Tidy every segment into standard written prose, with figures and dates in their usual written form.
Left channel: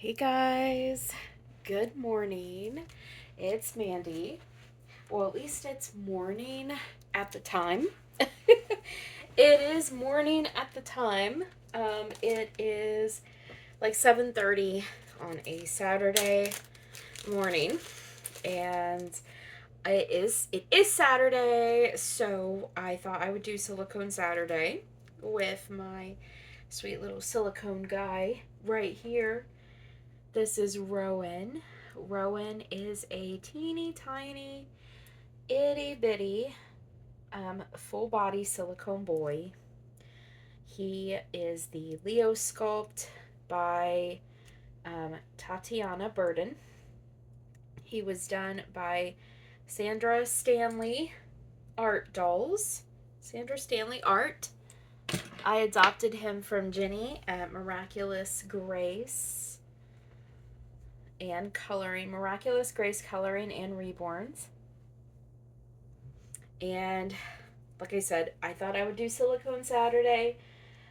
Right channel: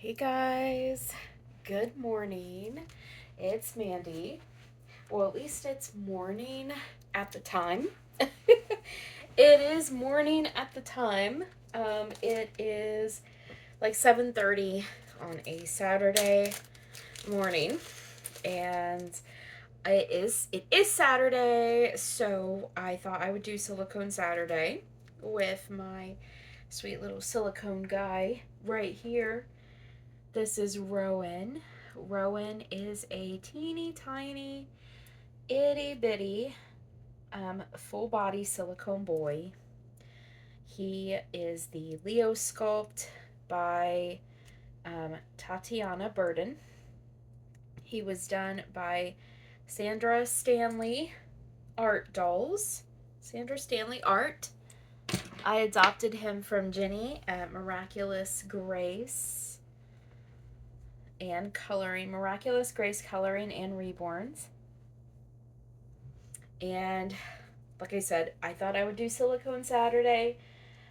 Hey guys, good morning. It's Mandy. Well, at least it's morning at the time. It is morning at the time. It is like 7:30 on a Saturday morning, and it is Saturday, so I thought I would do Silicone Saturday with my sweet little silicone guy right here. This is Rowan. Rowan is a teeny tiny, itty bitty, full body silicone boy. He is the Leo sculpt by Tatiana Burden. He was done by Sandra Stanley Art Dolls. Sandra Stanley Art. I adopted him from Jenny at Miraculous Grace and Coloring, Miraculous Grace Coloring and Reborns. And like I said, I thought I would do Silicone Saturday,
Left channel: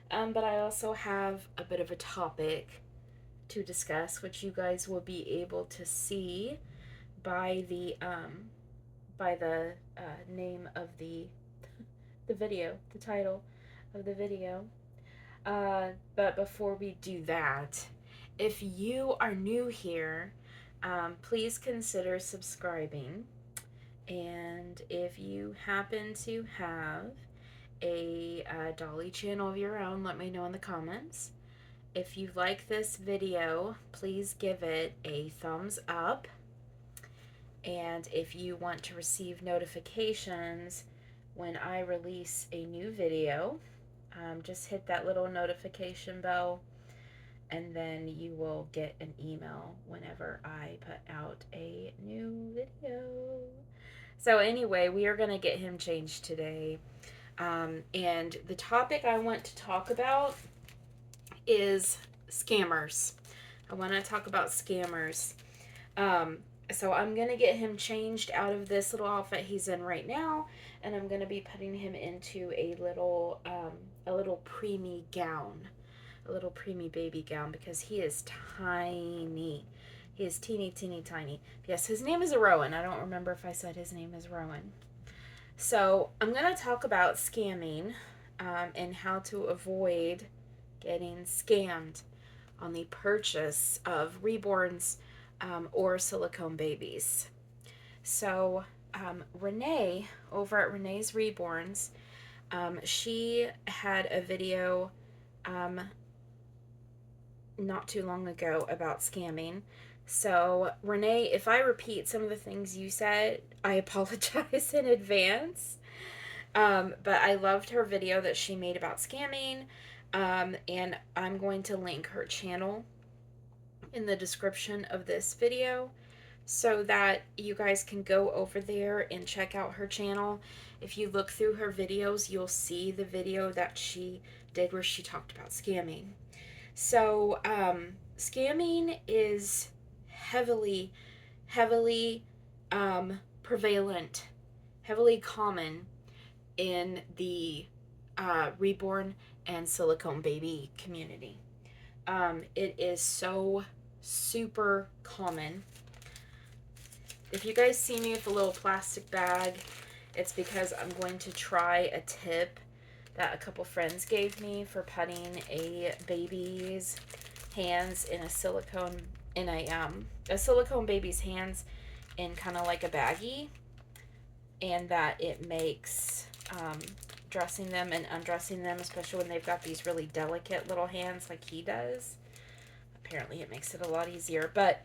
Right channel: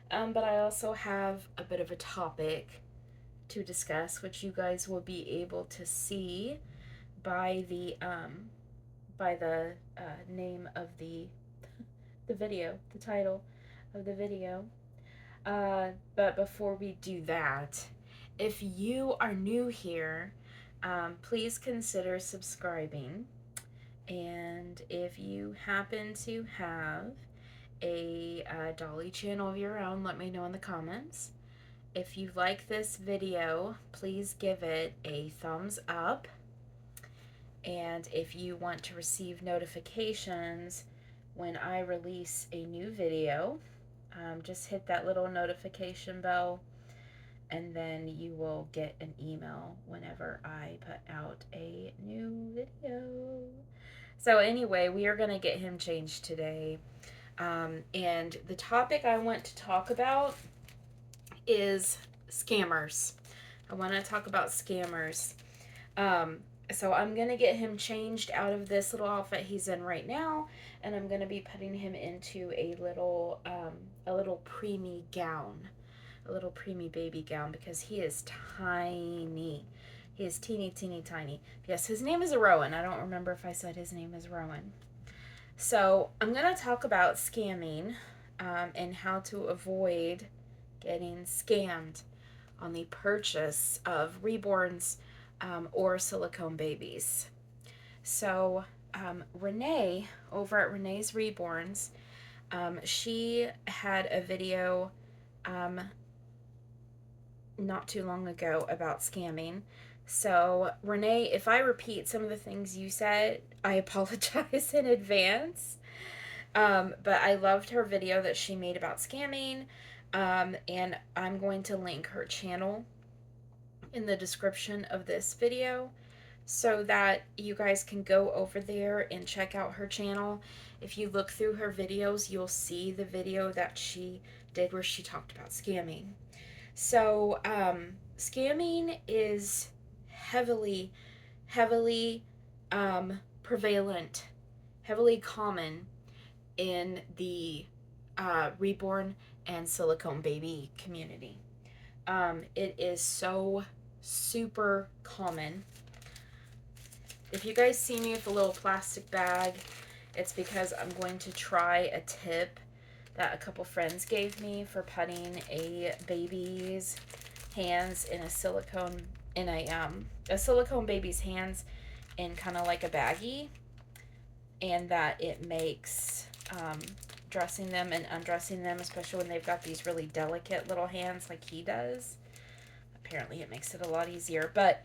but I also have a bit of a topic to discuss, which you guys will be able to see by the name of the video, the title of the video. But before we do that, if you are new here, please consider subscribing. And if you happen to have a Dolly channel of your own, let me know in the comments. If you like this video, please give it a thumbs up. And if you want to receive notifications when I release a new video, just hit that little notification bell, and then you will get an email whenever I put out a new video. So anyway, we are going to get him changed today. And the topic I want to talk about is scammers. I want to talk about scammers. So I'm going to get him changed out of this little outfit he's in right now, and I'm going to be putting him into a little preemie gown, a little preemie baby gown, because he is tiny. He is teeny, teeny, tiny. Yes, his name is Rowan. I don't remember if I said his name is Rowan. So I'm going to talk about scamming and how to avoid getting scammed on the purchase of reborns or silicone babies. So Renee, over at Renee's Reborns, she had a video not too long ago about scamming. So, Renee, if I repeat some of the things you said, I apologize in advance. But I loved her video that she made about scamming, and I'm going to link her channel in the description of this video so that you guys can go over there and check out her channel. If you look through her videos, you'll see the video that she did where she talked about scamming. So, scamming is heavily prevalent, heavily common in the reborn and silicone baby community. It is so super common. If you guys see me with a little plastic bag, it's because I'm going to try a tip that a couple friends gave me for putting a baby's hands in a silicone baby's hands in kind of like a baggie, and that it makes dressing them and undressing them, especially when they've got these really delicate little hands like he does. Apparently it makes it a lot easier. But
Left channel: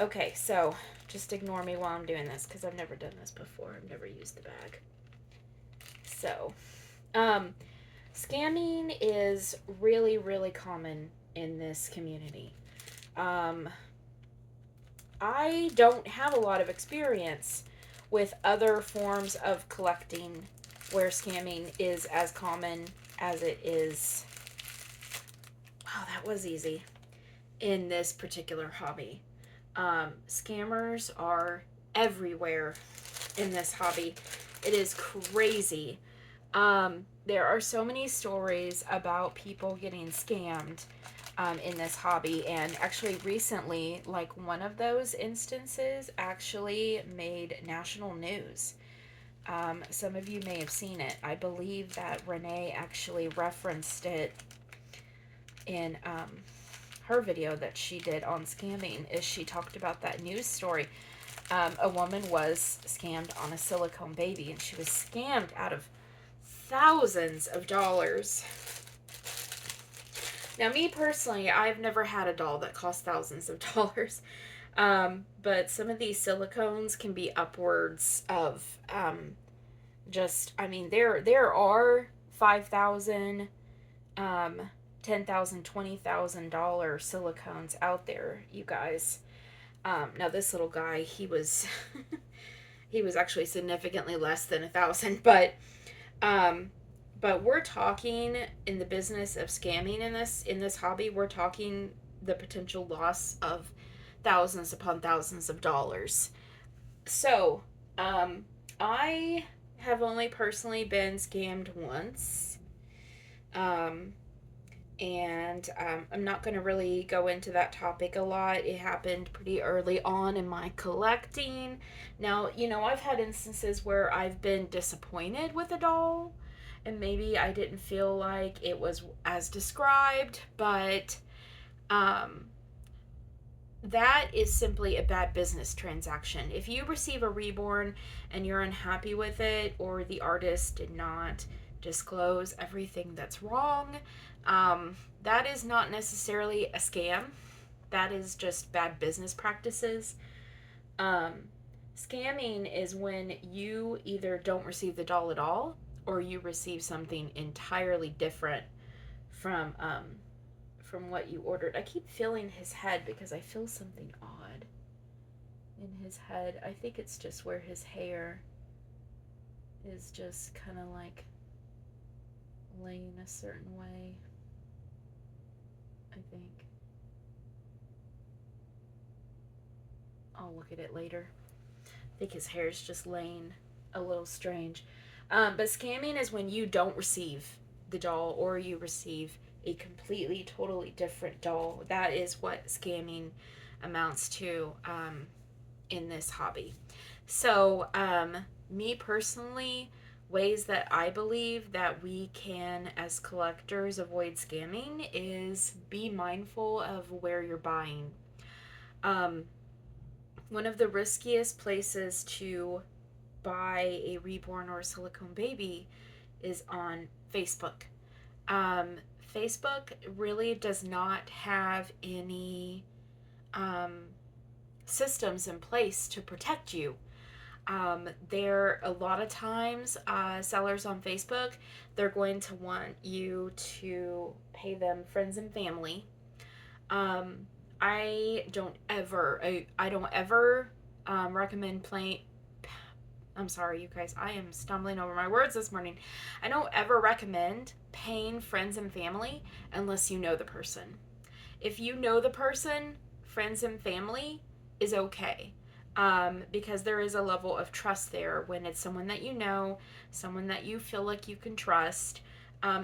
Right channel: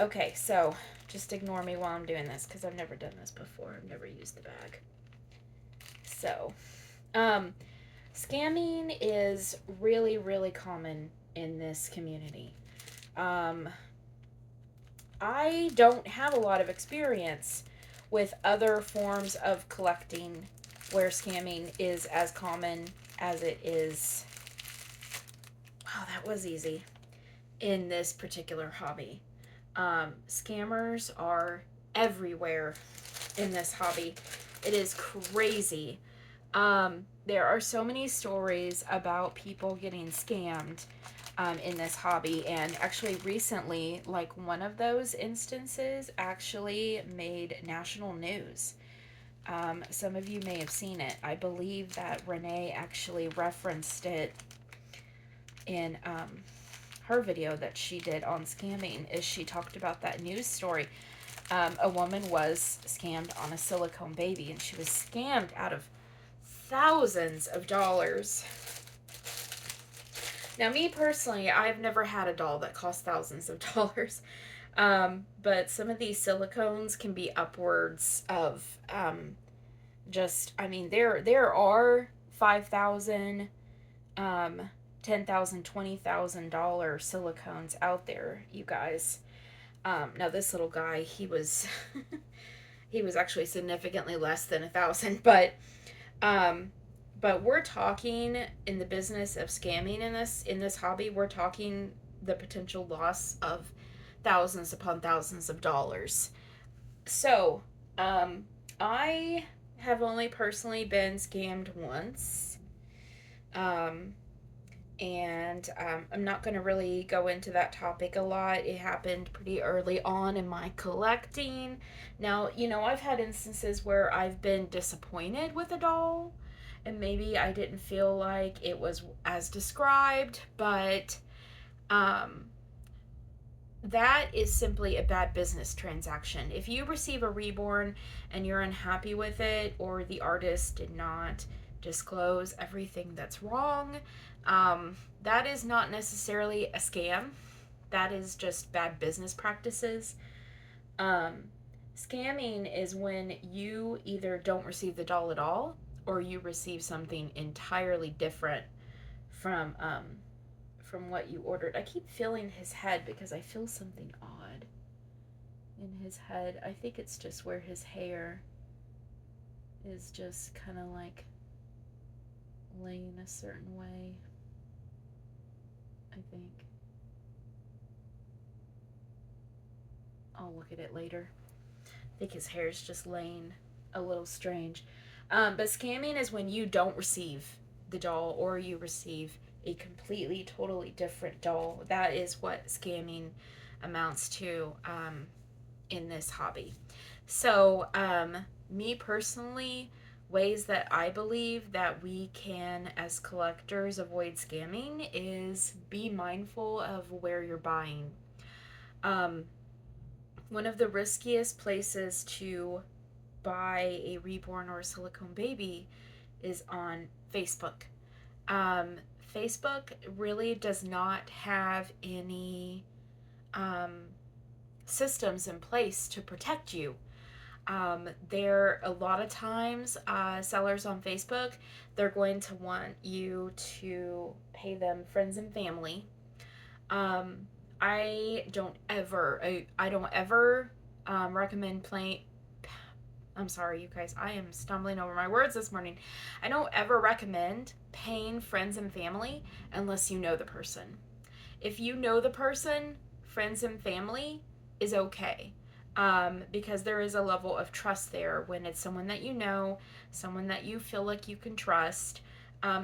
okay, so just ignore me while I'm doing this because I've never done this before. I've never used the bag. So scamming is really, really common in this community. I don't have a lot of experience with other forms of collecting where scamming is as common as it is. Wow, that was easy. In this particular hobby. Scammers are everywhere in this hobby. It is crazy. There are so many stories about people getting scammed. in this hobby. And actually recently, like, one of those instances actually made national news. Some of you may have seen it. I believe that Renee actually referenced it in her video that she did on scamming, is she talked about that news story. A woman was scammed on a silicone baby, and she was scammed out of thousands of dollars. Now, me personally, I've never had a doll that cost thousands of dollars. But some of these silicones can be upwards of there are 5,000, $10,000, $20,000 silicones out there, you guys. Now this little guy, he was he was actually significantly less than 1,000, but we're talking in the business of scamming in this hobby, we're talking the potential loss of thousands upon thousands of dollars. So, I have only personally been scammed once. I'm not going to really go into that topic a lot. It happened pretty early on in my collecting. Now, I've had instances where I've been disappointed with a doll, and maybe I didn't feel like it was as described, but that is simply a bad business transaction. If you receive a Reborn and you're unhappy with it, or the artist did not disclose everything that's wrong, that is not necessarily a scam. That is just bad business practices. Scamming is when you either don't receive the doll at all, or you receive something entirely different from what you ordered. I keep feeling his head because I feel something odd in his head. I think it's just where his hair is just kind of like laying a certain way, I think. I'll look at it later. I think his hair is just laying a little strange. But scamming is when you don't receive the doll, or you receive a completely, totally different doll. That is what scamming amounts to in this hobby. So, me personally, ways that I believe that we can, as collectors, avoid scamming is be mindful of where you're buying. One of the riskiest places to buy a Reborn or a silicone baby is on Facebook. Facebook really does not have any systems in place to protect you. There, a lot of times, sellers on Facebook, they're going to want you to pay them friends and family. I don't ever recommend playing. I'm sorry, you guys. I am stumbling over my words this morning. I don't ever recommend paying friends and family unless you know the person. If you know the person, friends and family is okay. Because there is a level of trust there when it's someone that you know, someone that you feel like you can trust.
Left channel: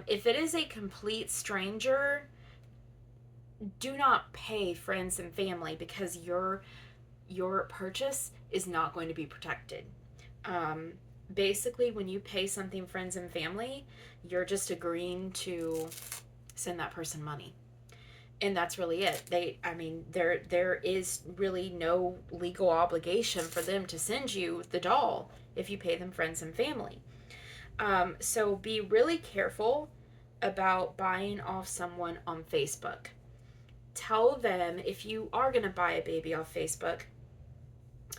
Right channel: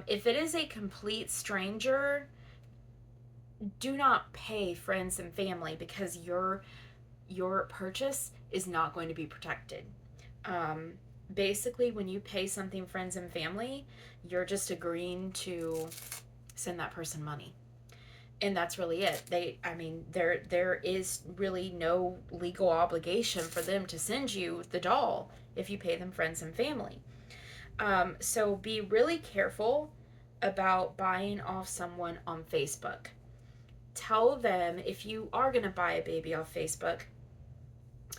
If it is a complete stranger, do not pay friends and family, because your purchase is not going to be protected. Basically, when you pay something friends and family, you're just agreeing to send that person money, and that's really it. There is really no legal obligation for them to send you the doll if you pay them friends and family. So be really careful about buying off someone on Facebook. Tell them, if you are going to buy a baby off Facebook,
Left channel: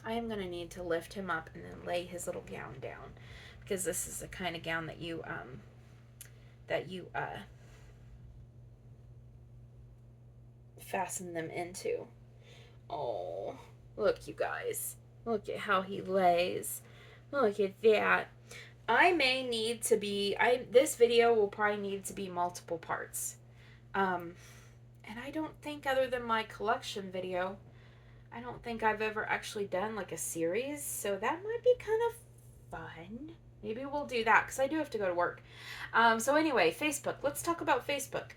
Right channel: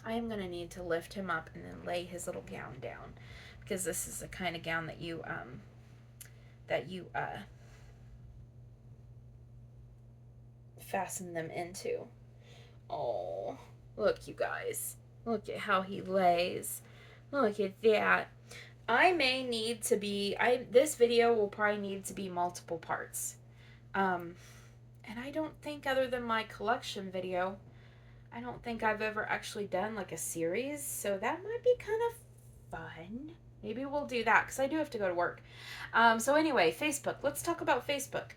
I am going to need to lift him up and then lay his little gown down, because this is the kind of gown that you fasten them into. Oh, look, you guys. Look at how he lays. Look at that. I may need to be, this video will probably need to be multiple parts. And I don't think, other than my collection video, I don't think I've ever actually done like a series, so that might be kind of fun. Maybe we'll do that, because I do have to go to work. So anyway, Facebook. Let's talk about Facebook.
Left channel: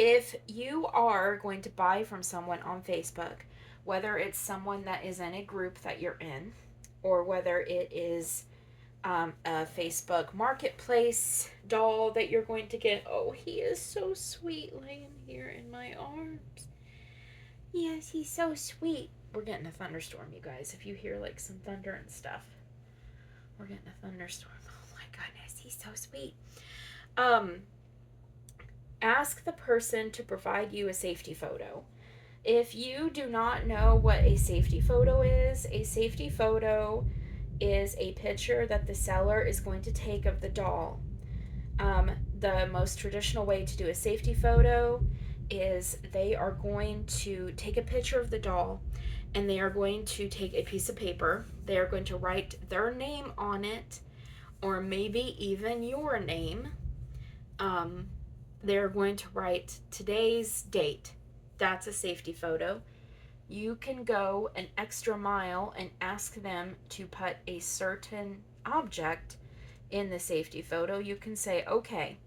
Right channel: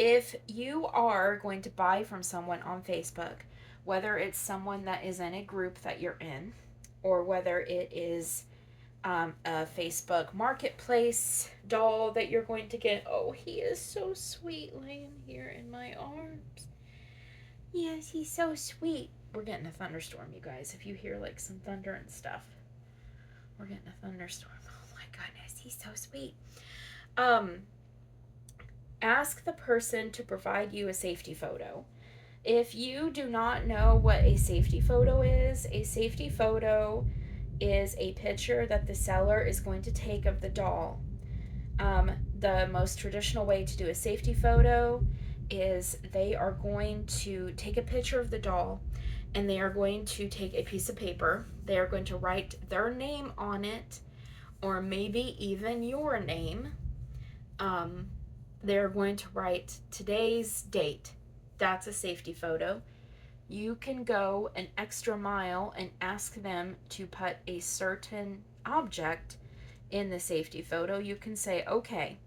if you are going to buy from someone on Facebook, whether it's someone that is in a group that you're in, or whether it is a Facebook marketplace doll that you're going to get. Oh, he is so sweet laying here in my arms. Yes, he's so sweet. We're getting a thunderstorm, you guys. If you hear like some thunder and stuff, we're getting a thunderstorm. Oh my goodness, he's so sweet. Um, Ask the person to provide you a safety photo. If you do not know what a safety photo is a picture that the seller is going to take of the doll. The most traditional way to do a safety photo is they are going to take a picture of the doll and they are going to take a piece of paper. They are going to write their name on it, or maybe even your name. They are going to write today's date. That's a safety photo. You can go an extra mile and ask them to put a certain object in the safety photo. You can say, okay,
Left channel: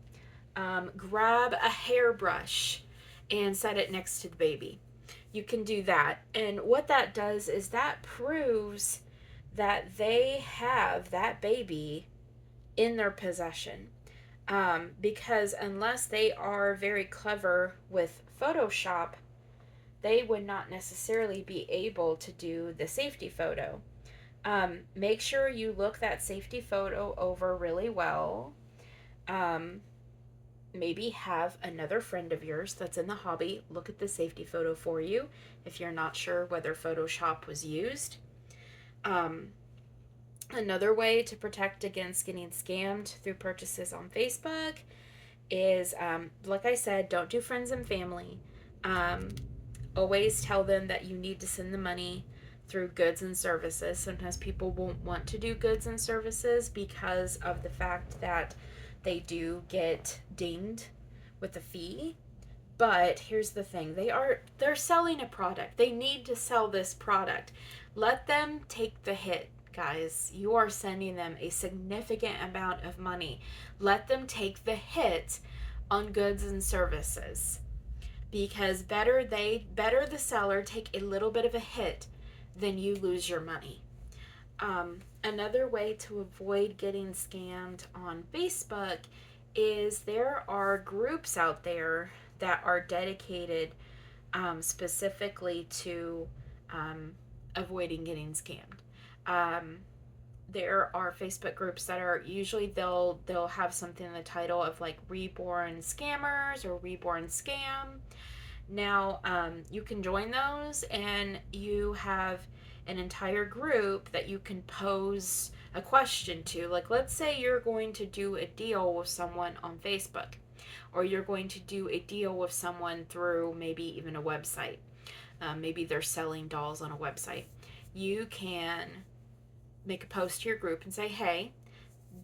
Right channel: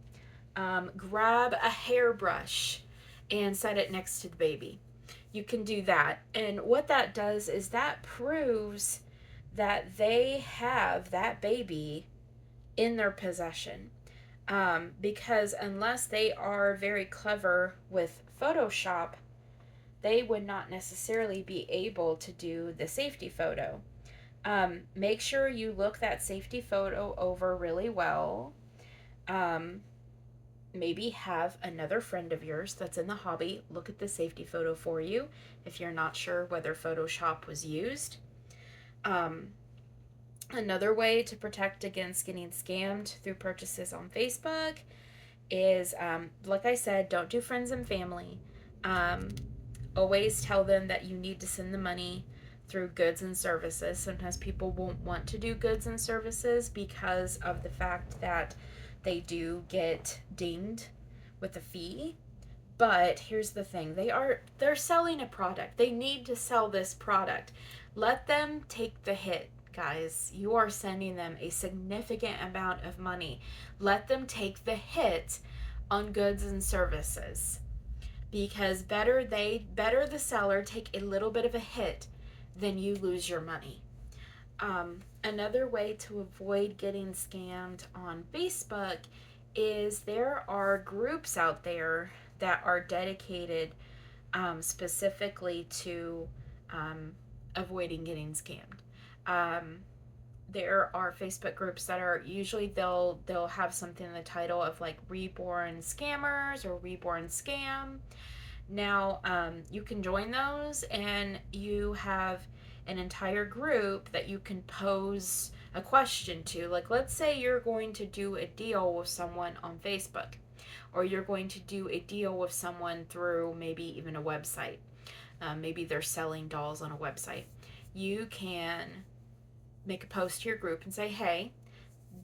grab a hairbrush and set it next to the baby. You can do that. And what that does is that proves that they have that baby in their possession. Because unless they are very clever with Photoshop, they would not necessarily be able to do the safety photo. Make sure you look that safety photo over really well. Maybe have another friend of yours that's in the hobby look at the safety photo for you if you're not sure whether Photoshop was used. Another way to protect against getting scammed through purchases on Facebook is, like I said, don't do friends and family. Always tell them that you need to send the money through goods and services. Sometimes people won't want to do goods and services because of the fact that they do get dinged with a fee. But here's the thing, they're selling a product. They need to sell this product. Let them take the hit, guys. You are sending them a significant amount of money. Let them take the hit on goods and services, because better the seller take a little bit of a hit than you lose your money. Another way to avoid getting scammed on Facebook is there are groups out there that are dedicated specifically to avoiding getting scammed. There are Facebook groups that are usually they'll have something in the title of like Reborn Scammers or Reborn Scam. Now, you can join those and you have an entire group that you can pose a question to. Like, let's say you're going to do a deal with someone on Facebook, or you're going to do a deal with someone through maybe even a website. Maybe they're selling dolls on a website. You can make a post to your group and say, hey,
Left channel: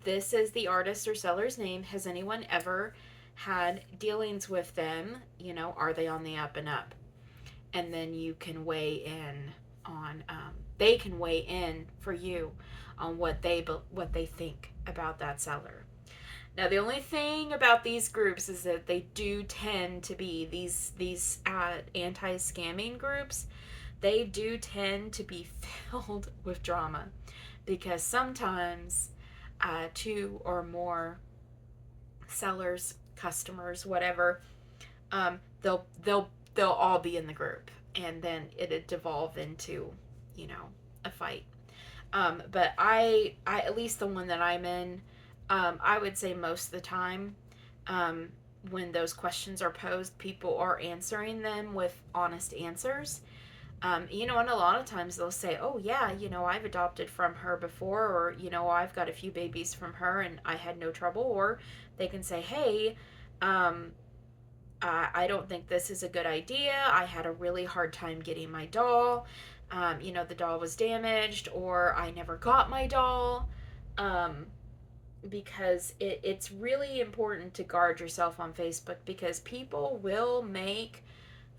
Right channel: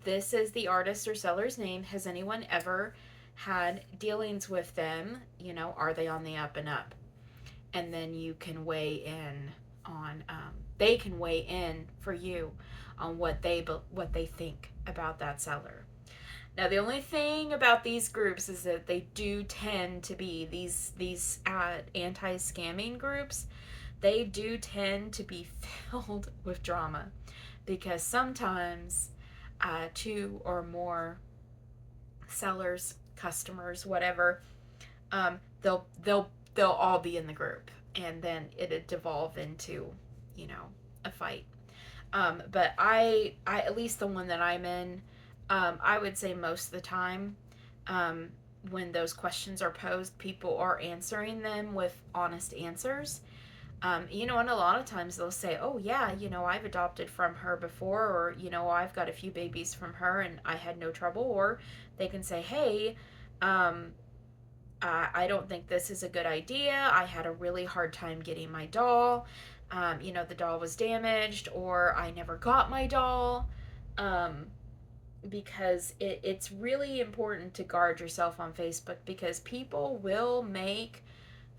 this is the artist or seller's name. Has anyone ever had dealings with them? You know, are they on the up and up? And then you can weigh in on, they can weigh in for you on what they think about that seller. Now, the only thing about these groups is that they do tend to be these anti-scamming groups. They do tend to be filled with drama, because sometimes two or more sellers, customers, whatever, they'll all be in the group, and then it'd devolve into, you know, a fight. But I at least the one that I'm in, I would say most of the time, when those questions are posed, people are answering them with honest answers. You know, and a lot of times they'll say, oh yeah, you know, I've adopted from her before, or, you know, I've got a few babies from her and I had no trouble. Or they can say, hey, I don't think this is a good idea. I had a really hard time getting my doll. You know, the doll was damaged, or I never got my doll. Because it's really important to guard yourself on Facebook, because people will make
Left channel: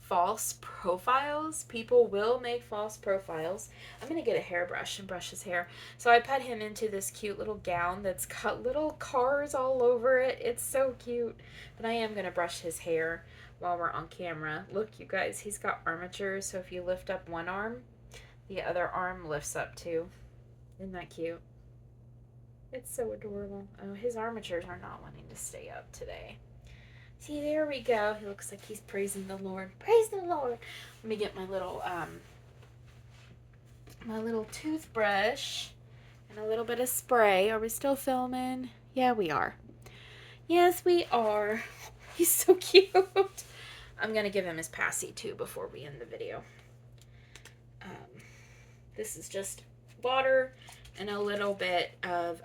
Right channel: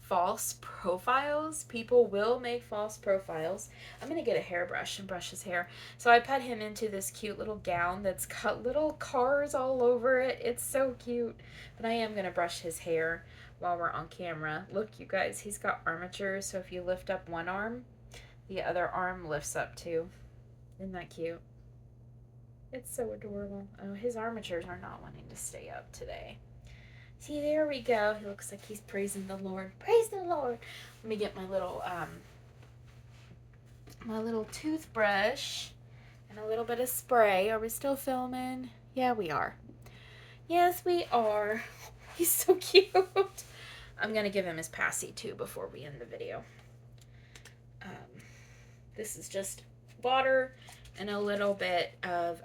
false profiles. People will make false profiles. I'm going to get a hairbrush and brush his hair. So I put him into this cute little gown that's got little cars all over it. It's so cute. But I am going to brush his hair while we're on camera. Look, you guys, he's got armature, so if you lift up one arm, the other arm lifts up too. Isn't that cute? It's so adorable. Oh, his armatures are not wanting to stay up today. See, there we go. He looks like he's praising the Lord. Praise the Lord. Let me get my little toothbrush and a little bit of spray. Are we still filming? Yeah, we are. Yes, we are. He's so cute. I'm gonna give him his passy too before we end the video. This is just water and a little bit of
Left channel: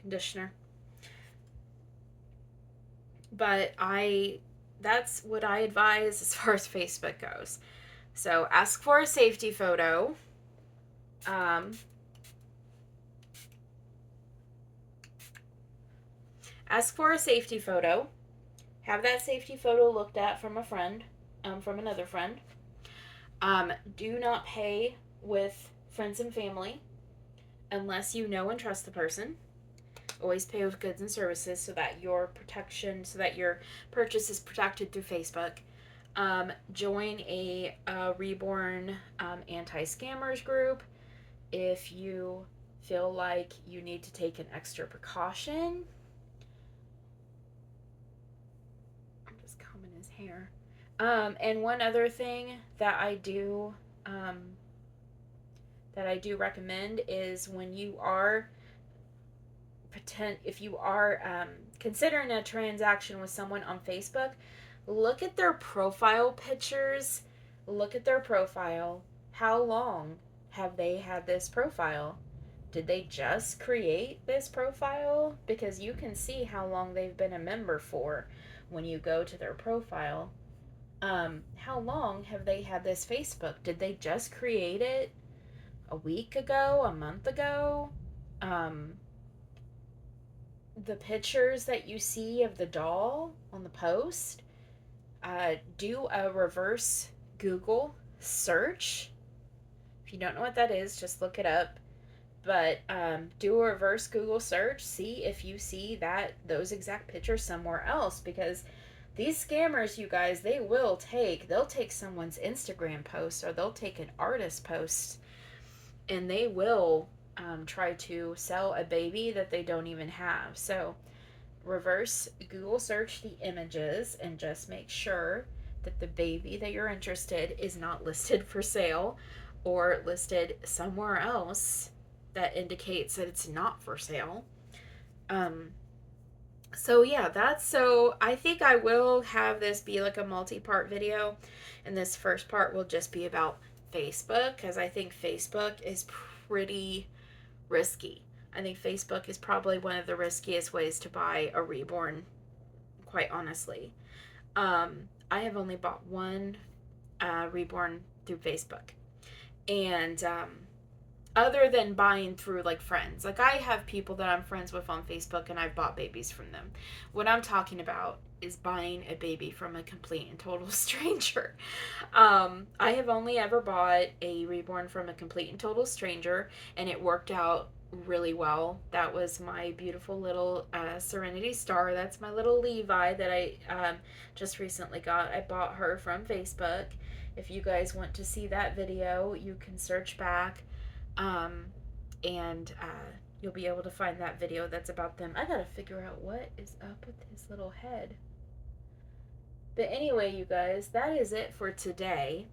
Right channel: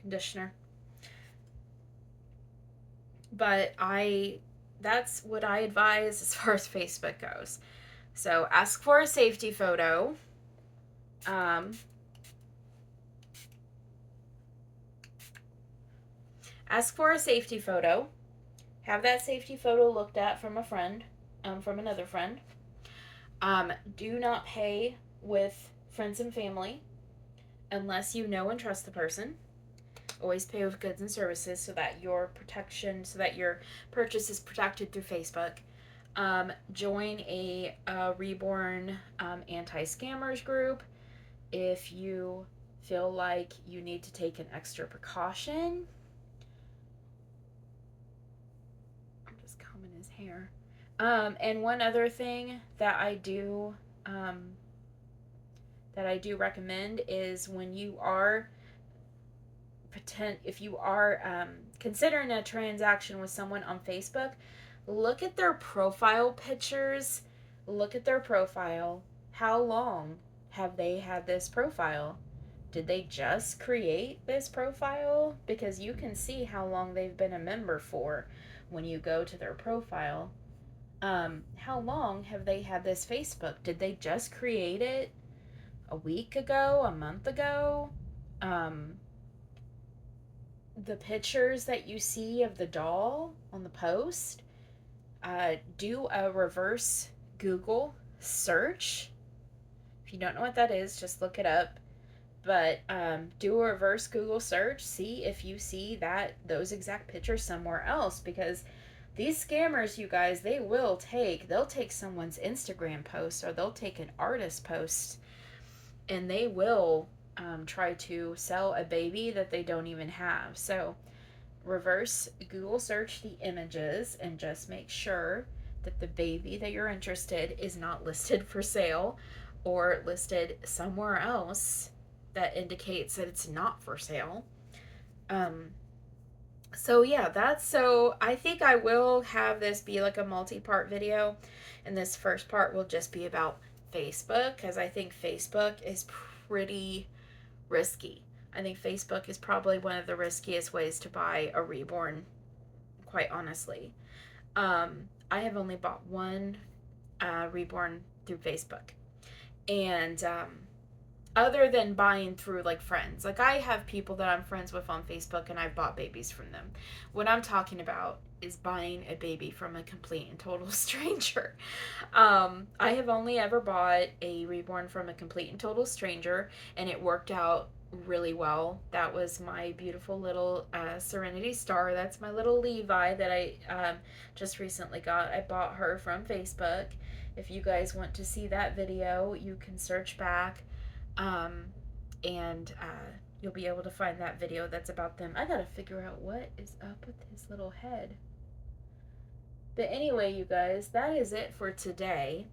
conditioner. But that's what I advise as far as Facebook goes. So ask for a safety photo. Ask for a safety photo. Have that safety photo looked at from a friend, from another friend. Do not pay with friends and family unless you know and trust the person. Always pay with goods and services so that your purchase is protected through Facebook. Join a Reborn anti-scammers group if you feel like you need to take an extra precaution. I'm just combing his hair. And one other thing that I do recommend is when you are if you are considering a transaction with someone on Facebook, look at their profile pictures. Look at their profile. How long have they had this profile? Did they just create this profile? Because you can see how long they've been a member for when you go to their profile. How long have they had this Facebook? Did they just create it a week ago, a month ago? The pictures that you see of the doll on the post, do a reverse Google search. If you don't know what that is, just look it up. But do a reverse Google search. See if you see those exact pictures somewhere else, because these scammers, you guys, they'll take someone's Instagram post, or they'll take an artist post, and they will try to sell a baby that they don't even have. So reverse Google search the images and just make sure that the baby that you're interested is not listed for sale or listed somewhere else that indicates that it's not for sale. So yeah, I think I will have this be like a multi-part video, and this first part will just be about Facebook, because I think Facebook is pretty risky. I think Facebook is probably one of the riskiest ways to buy a Reborn, quite honestly. I have only bought one Reborn through Facebook, and other than buying through like friends, like I have people that I'm friends with on Facebook and I've bought babies from them. What I'm talking about is buying a baby from a complete and total stranger. I have only ever bought a Reborn from a complete and total stranger, and it worked out really well. That was my beautiful little Serenity Star. That's my little Levi that I just recently got. I bought her from Facebook. If you guys want to see that video, you can search back, and you'll be able to find that video that's about them. I gotta figure out what is up with his little head. But anyway, you guys, that is it for today.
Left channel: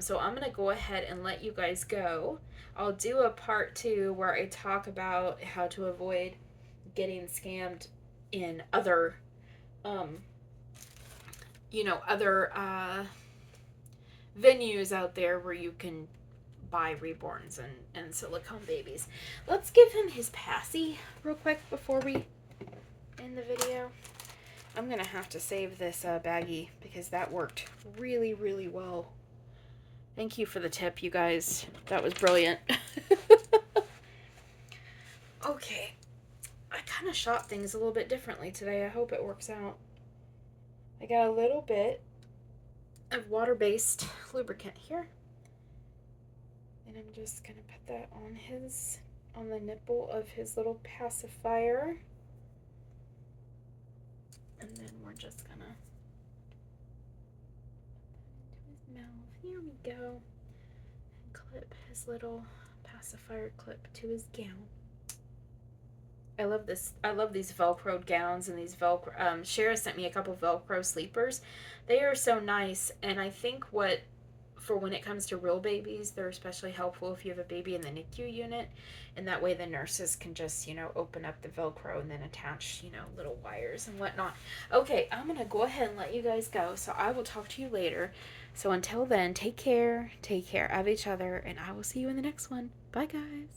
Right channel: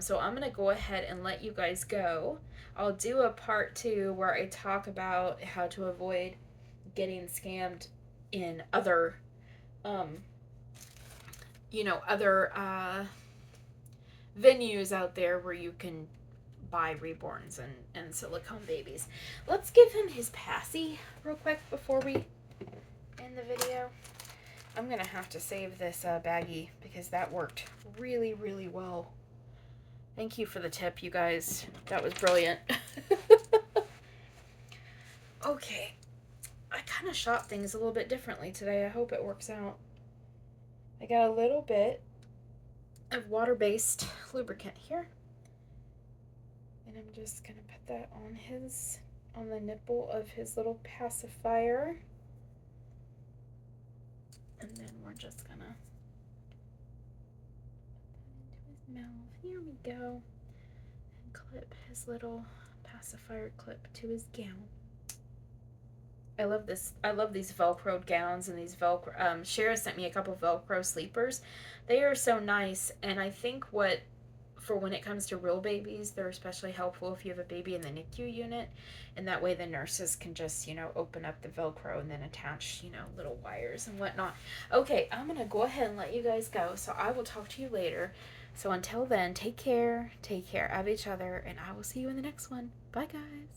So I'm gonna go ahead and let you guys go. I'll do a part 2 where I talk about how to avoid getting scammed in other venues out there where you can buy Reborns and silicone babies. Let's give him his passy real quick before we end the video. I'm gonna have to save this baggie because that worked really, really well. Thank you for the tip, you guys. That was brilliant. Okay. I kind of shot things a little bit differently today. I hope it works out. I got a little bit of water-based lubricant here. And I'm just going to put that on the nipple of his little pacifier. And then we're just gonna put that into his mouth. Here we go. And clip his little pacifier clip to his gown. I love this. I love these Velcro gowns and these Velcro. Shara sent me a couple Velcro sleepers. They are so nice, and I think for when it comes to real babies, they're especially helpful if you have a baby in the NICU unit, and that way the nurses can just open up the Velcro and then attach little wires and whatnot. Okay, I'm gonna go ahead and let you guys go. So I will talk to you later. So until then, take care of each other, and I will see you in the next one. Bye, guys.